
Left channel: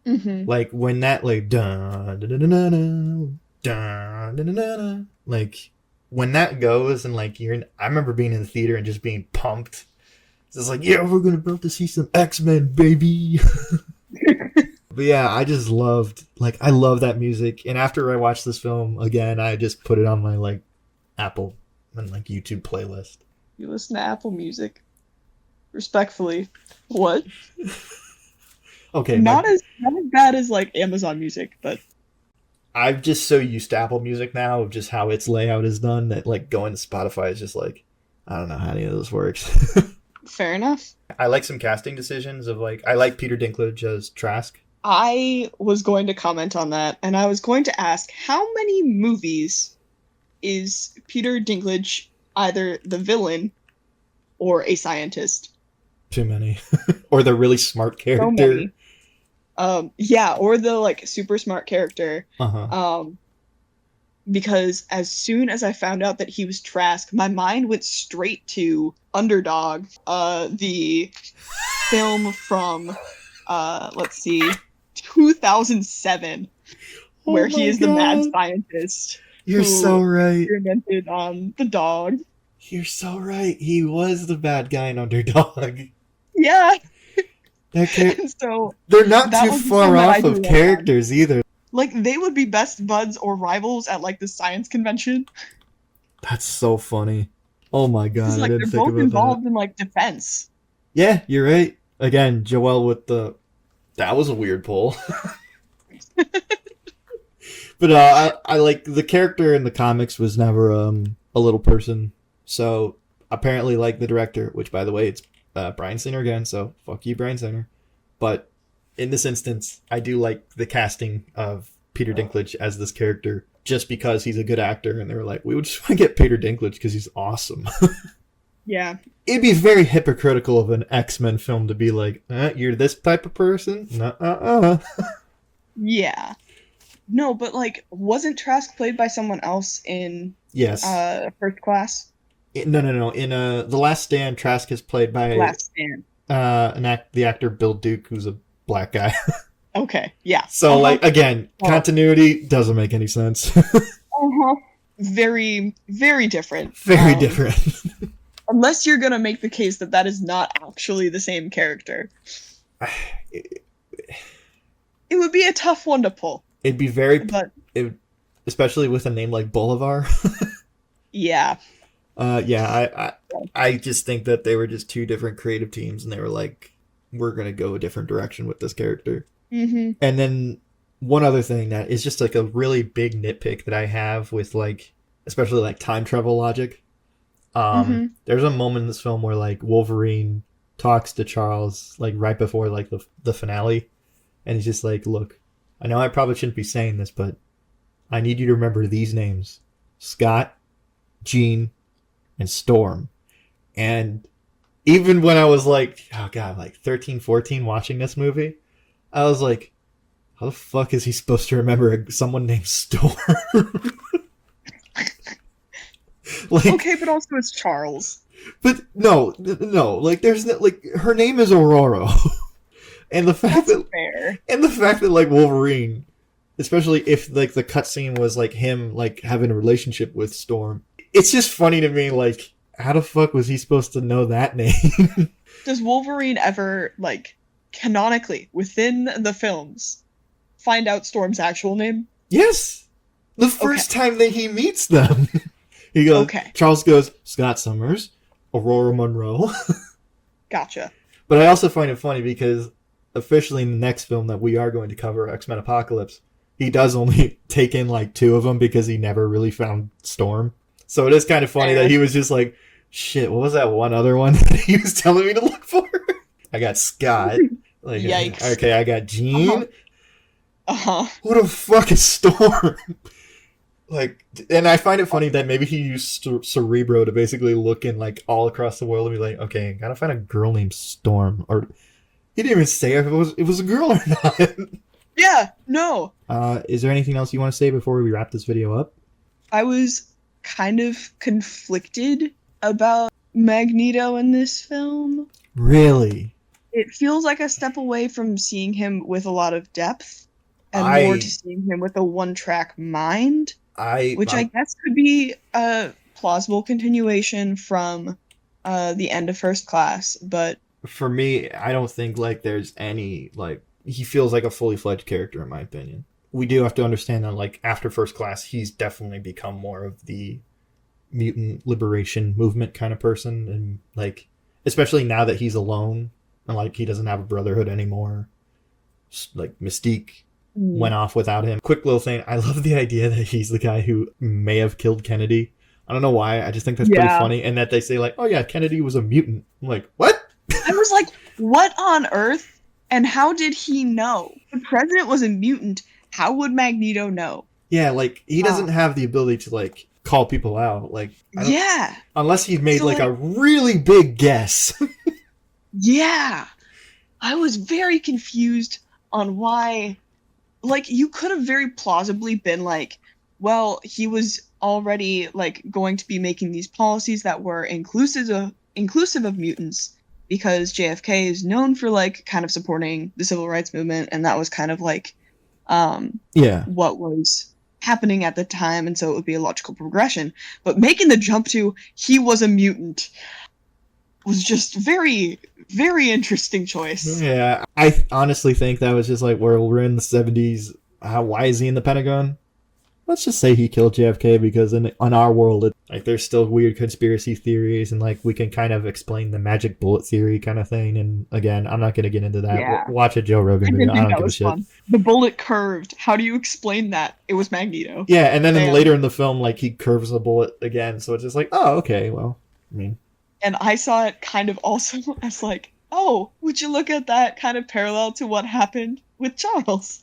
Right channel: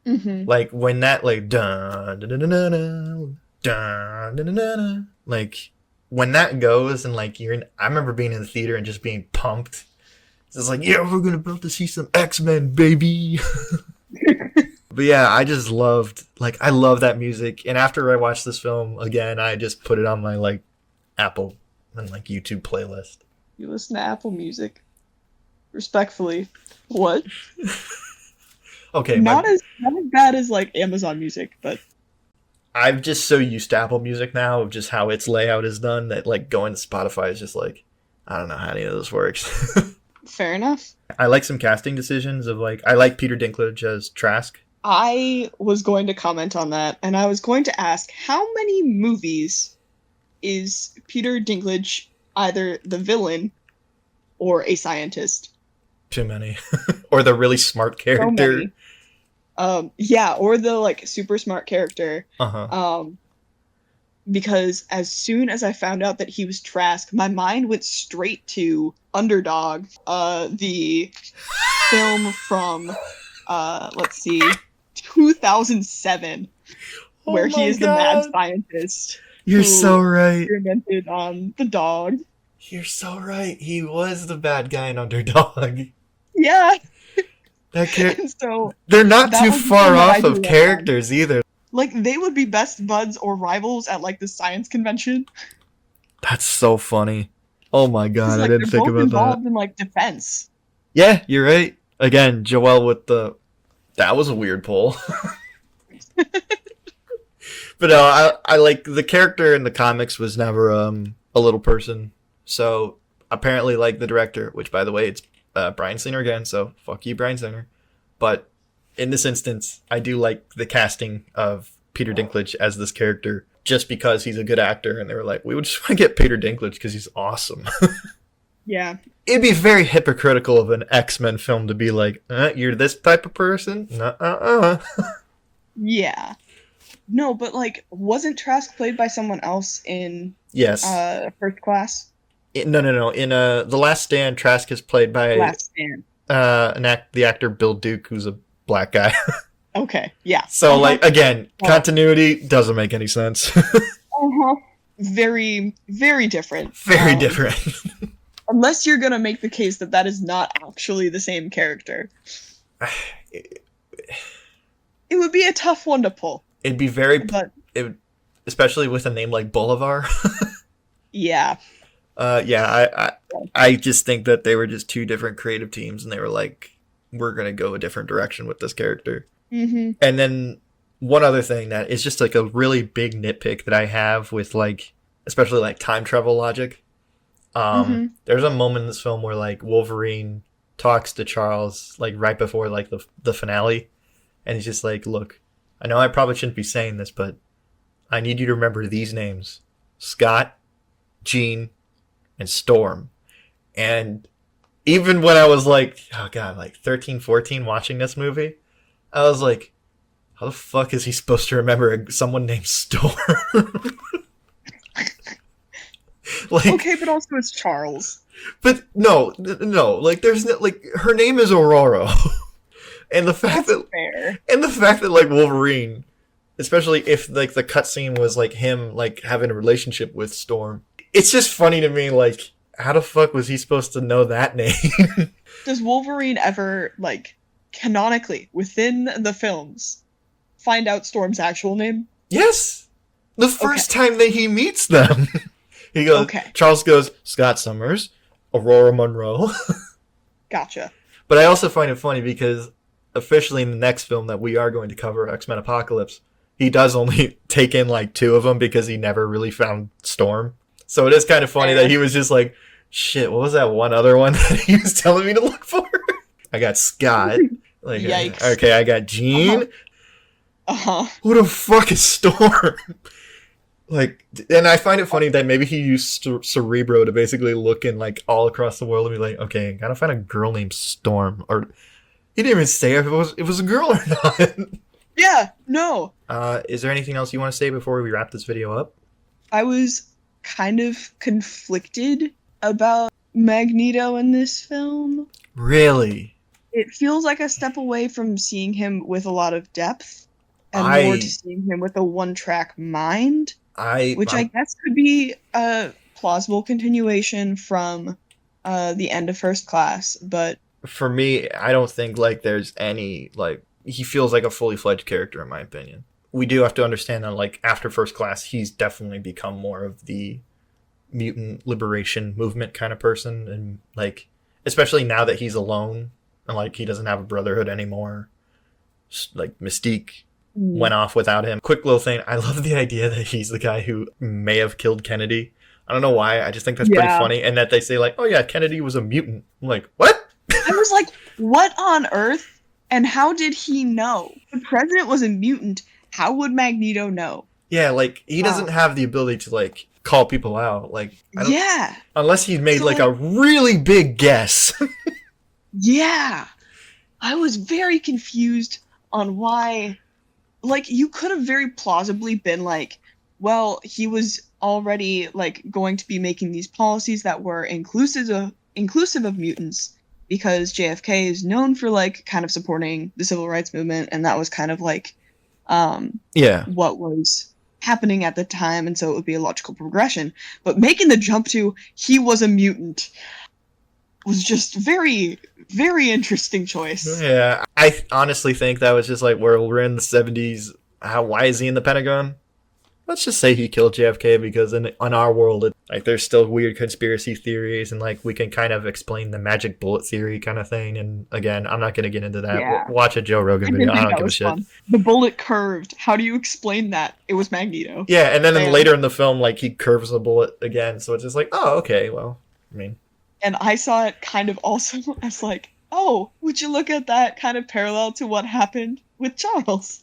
Hmm. Like, when that like dun dun dun dun dun dun dun dun dun, like, when that goes and like I remember being in the theater and just being pumped. It's just like, yeah, we're gonna be able to see some X-Men, baby. But yeah, I love that music. And after I watched this film again, I just put it on my like Apple and like YouTube playlist. You listen to Apple Music. Respectfully. What? Okay, Not as bad as like Amazon Music, but I'm just so used to Apple Music now of just how its layout is done that like going to Spotify is just like, I don't know how any of this works. fair enough. I like some casting decisions of like, I like Peter Dinklage as Trask. I was going to comment on that, and I was going to ask how many movies is Peter Dinklage either the villain or a scientist? Too many. Or the really smart So character. many. Yeah, or the like super smart character. Uh-huh. Um, because as soon as I found out that he was Trask, my mind went straight to Underdog, the film from let's see, 2007, Oh where he my is the mad god. scientist You're so who right. experimented on the dog. You're so right. He was the bad guy in Underdog. Yeah, That and so They're not that too was the far film that I off of grew up on. characters either. Like they would be best buds or rivals at like the science convention That's so funny. Oh my because god, I like didn't they're think both about that. involved in like defense. Yeah, you're right. Again, Joelle with that was a weird pull. But I like the character in the comics was never a little person. So apparently, like the director, which by the way, it's Bryan Singer again. So fuck you, Bryan Singer. But in this instance, I do like the casting of Peter Dinklage as this character, just because he's a good actor, and they were like, we would just want to get Peter Dinklage because he's awesome. Yeah. It'd be very hypocritical of an X-Men film to be like, you're this type of person? Yeah. No, but like, wasn't Trask played by someone else in Yes. First Class? No. In The Last Stand, Trask is played by Last Stand. The actor Bill Duke, who's a black guy. Okay, yeah. So, like, again, Well, continuity doesn't make any sense. very, very different. Very different. Unless you're gonna make the case that that is not actually the same character. It would be a tough one to pull. It'd be very, but especially with a name like Bolivar. Yeah. I just think that they were just two different creative teams, and they were like, we're gonna go a different direction with this character. Mm-hmm. And then one other thing that is just like a really big nitpick that I have with like, especially like time travel logic. There's a moment in this film where like Wolverine talks to Charles like right before like the finale, and he's just like, look, I know I probably shouldn't be saying this, but I need you to remember these names: Scott, Jean, and Storm. And even when I was like, oh god, like 13, 14 watching this movie, I was like, how the fuck is he supposed to remember someone named Storm? Like, okay, but also it's Charles. But no, like there's no, like her name is Aurora. And the fact That's fair. And the fact that like Wolverine, especially if like the cutscene was like him like having a relationship with Storm, it's just funny to me. Like, how the fuck was he supposed to know that name? Does Wolverine ever, like, canonically within the films find out Storm's actual name? Yes, the first time that he meets them, he goes. Okay. Charles goes, Scott Summers, Aurora Monroe. Gotcha. But I also find it funny because officially in the next film that we are going to cover, X-Men Apocalypse, he does only take in like two of them because he never really found Storm. So it is kind of funny that he was just like, shit, what was that one other one that he was telling me to look for? I got Scott. Like, Yikes. Okay, I got Jean. Who the fuck is Storm? Like, and I find it funny that maybe he used Cerebro to basically look in like all across the world and be like, okay, gotta find a girl named Storm. Or he didn't even say if it was a girl or not. Yeah, no. Is there anything else you want to say before we wrap this video up? I was kind of conflicted about Magneto in this film. Really? It feels like a step away from seeing him with a lot of depth and more to seeing him with a one-track mind. Which I guess could be a plausible continuation from the end of First Class, but for me, I don't think like there's any like he feels like a fully fledged character in my opinion. We do have to understand that like after First Class, he's definitely become more of the mutant liberation movement kind of person, and like especially now that he's alone and like he doesn't have a brotherhood anymore. Like Mystique went off without him. Quick little thing. I love the idea that he's the guy who may have killed Kennedy. I don't know why. I just think that's pretty funny. And that they say like, oh yeah, Kennedy was a mutant. I'm like, what? I was like, what on earth? And how did he know? The president was a mutant. How would Magneto know? Yeah, like he doesn't have the ability to like call people out. Like, unless he made like a really big guess. Yeah. I was very confused on why. Like, you could have very plausibly been like, well, he was already, like, going to be making these policies that were inclusive of mutants because JFK is known for, like, kind of supporting the civil rights movement, and that was kind of, like, what was happening at the time, and so it would be a logical progression. But making the jump to he was a mutant was just very, very interesting choice. Yeah, I honestly think that was just like, we're in the 70s. Why is he in the Pentagon? Let's just say he killed JFK because in our world, like there's still weird conspiracy theories, and like we can kind of explain the magic bullet theory kind of thing. And again, I'm not going to get into that. Yeah. Watch a Joe Rogan video. I don't give a shit. Fun. The bullet curved. How do you explain that? It was Magneto. Yeah, and then later in the film, like he curves the bullet again, so it's just like, oh, okay, well, I mean. And I saw it kind of also as like, oh, would you look at that kind of parallel to what happened with Charles?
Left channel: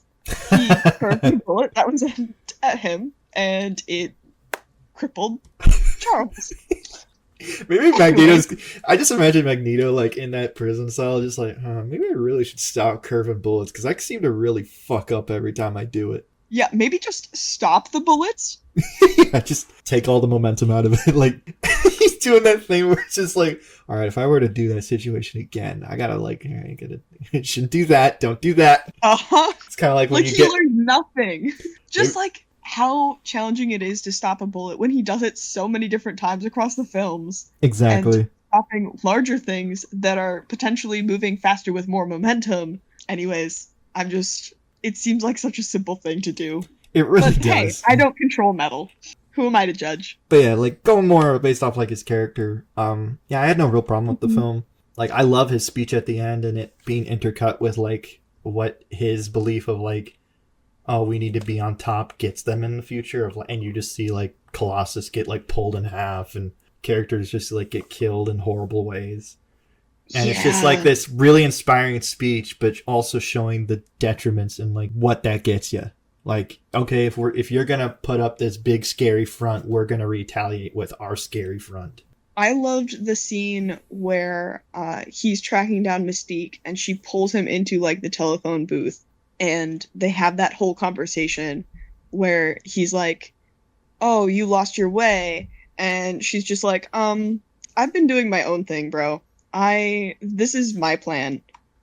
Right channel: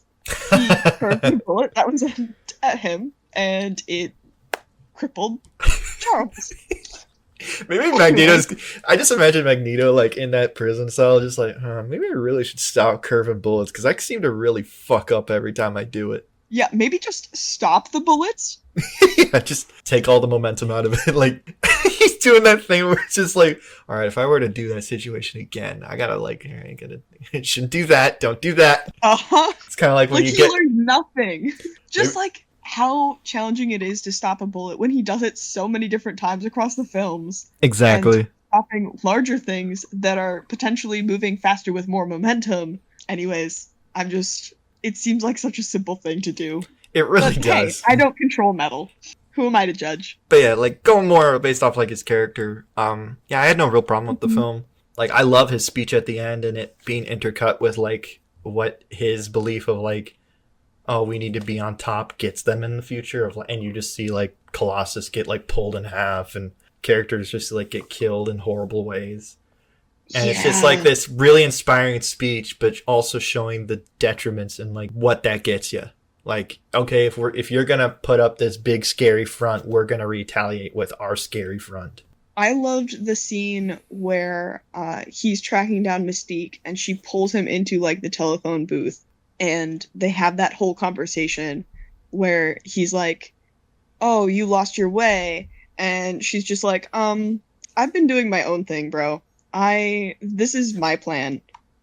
He curved the bullet that was at him, and it crippled Charles. Maybe Magneto's... I just imagine Magneto like in that prison cell just like, maybe I really should stop curving bullets because I seem to really fuck up every time I do it. Yeah, maybe just stop the bullets. Yeah, just take all the momentum out of it. Like, he's doing that thing where it's just like, all right, if I were to do that situation again, I gotta like, all right, shouldn't do that. Don't do that. Uh-huh. It's kind of like when Like you he get learned nothing. Just like how challenging it is to stop a bullet when he does it so many different times across the films. And exactly. stopping larger things that are potentially moving faster with more momentum. Anyways, it seems like such a simple thing to do. It really But hey, does. I don't control metal. Who am I to judge? But yeah, like going more based off like his character. Yeah, I had no real problem with the Mhm. film. Like I love his speech at the end and it being intercut with like what his belief of like, oh, we need to be on top gets them in the future of, and you just see like Colossus get like pulled in half and characters just like get killed in horrible ways. And it's just like Yeah. this really inspiring speech, but also showing the detriments and like what that gets you. Like, okay, if you're gonna put up this big scary front, we're gonna retaliate with our scary front. I loved the scene where he's tracking down Mystique and she pulls him into like the telephone booth and they have that whole conversation where he's like, "Oh, you lost your way." And she's just like, I've been doing my own thing, bro. This is my plan.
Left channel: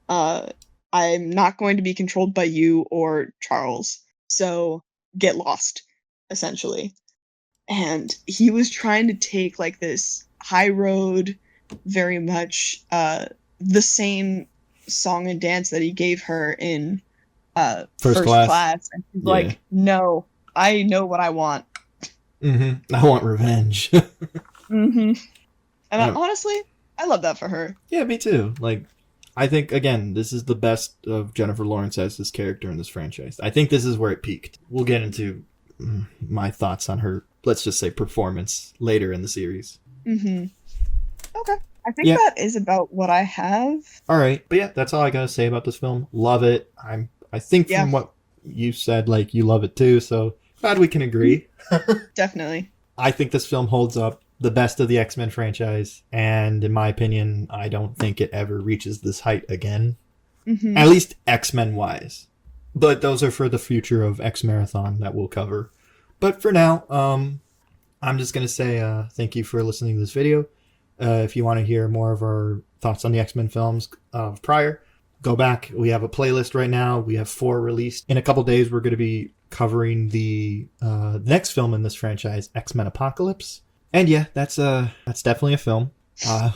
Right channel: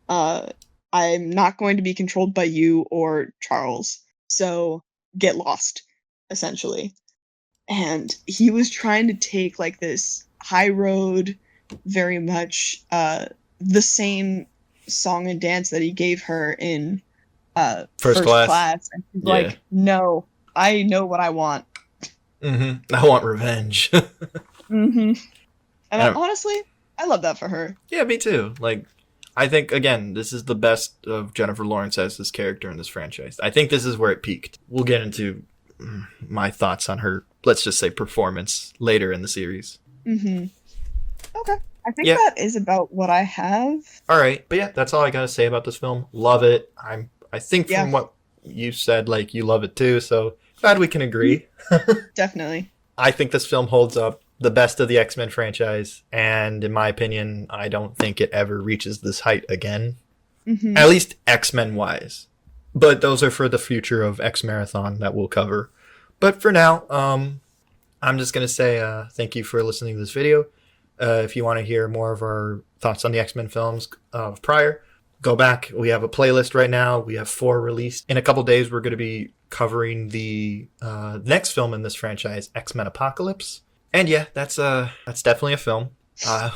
Uh, I'm not going to be controlled by you or Charles. So get lost, essentially. And he was trying to take like this high road, very much the same song and dance that he gave her in First first class. class. And she's Yeah. like, no, I know what I want. I want revenge. Hmm. And And honestly, I love that for her. yeah, me too. Like, I think again, this is the best of Jennifer Lawrence as this character in this franchise. I think this is where it peaked. We'll get into my thoughts on her, let's just say, performance later in the series. Hmm. Okay. I think Yeah. that is about what I have. All right, but yeah, that's all I gotta say about this film. Love it. I think Yeah, from what you said, like you love it too. So glad we can mhm, agree. definitely. I think this film holds up the best of the X Men franchise, and in my opinion, I don't think it ever reaches this height again. Hmm. At least X Men wise. But those are for the future of X Marathon that we'll cover. But for now, I'm just gonna say thank you for listening to this video. If you want to hear more of our thoughts on the X Men films prior, go back. We have a playlist right now. We have 4 released. In a couple days, we're going to be covering the next film in this franchise, X Men Apocalypse. And yeah, that's definitely a film.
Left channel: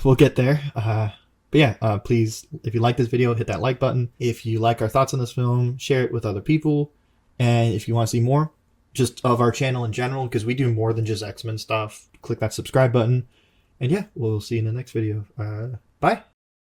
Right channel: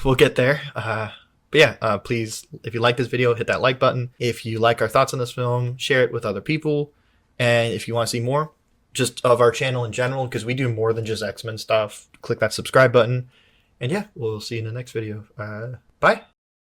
We'll get there. But yeah, please, if you like this video, hit that like button. If you like our thoughts on this film, share it with other people. And if you want to see more, just of our channel in general, because we do more than just X Men stuff, click that subscribe button. And yeah, we'll see you in the next video. Bye.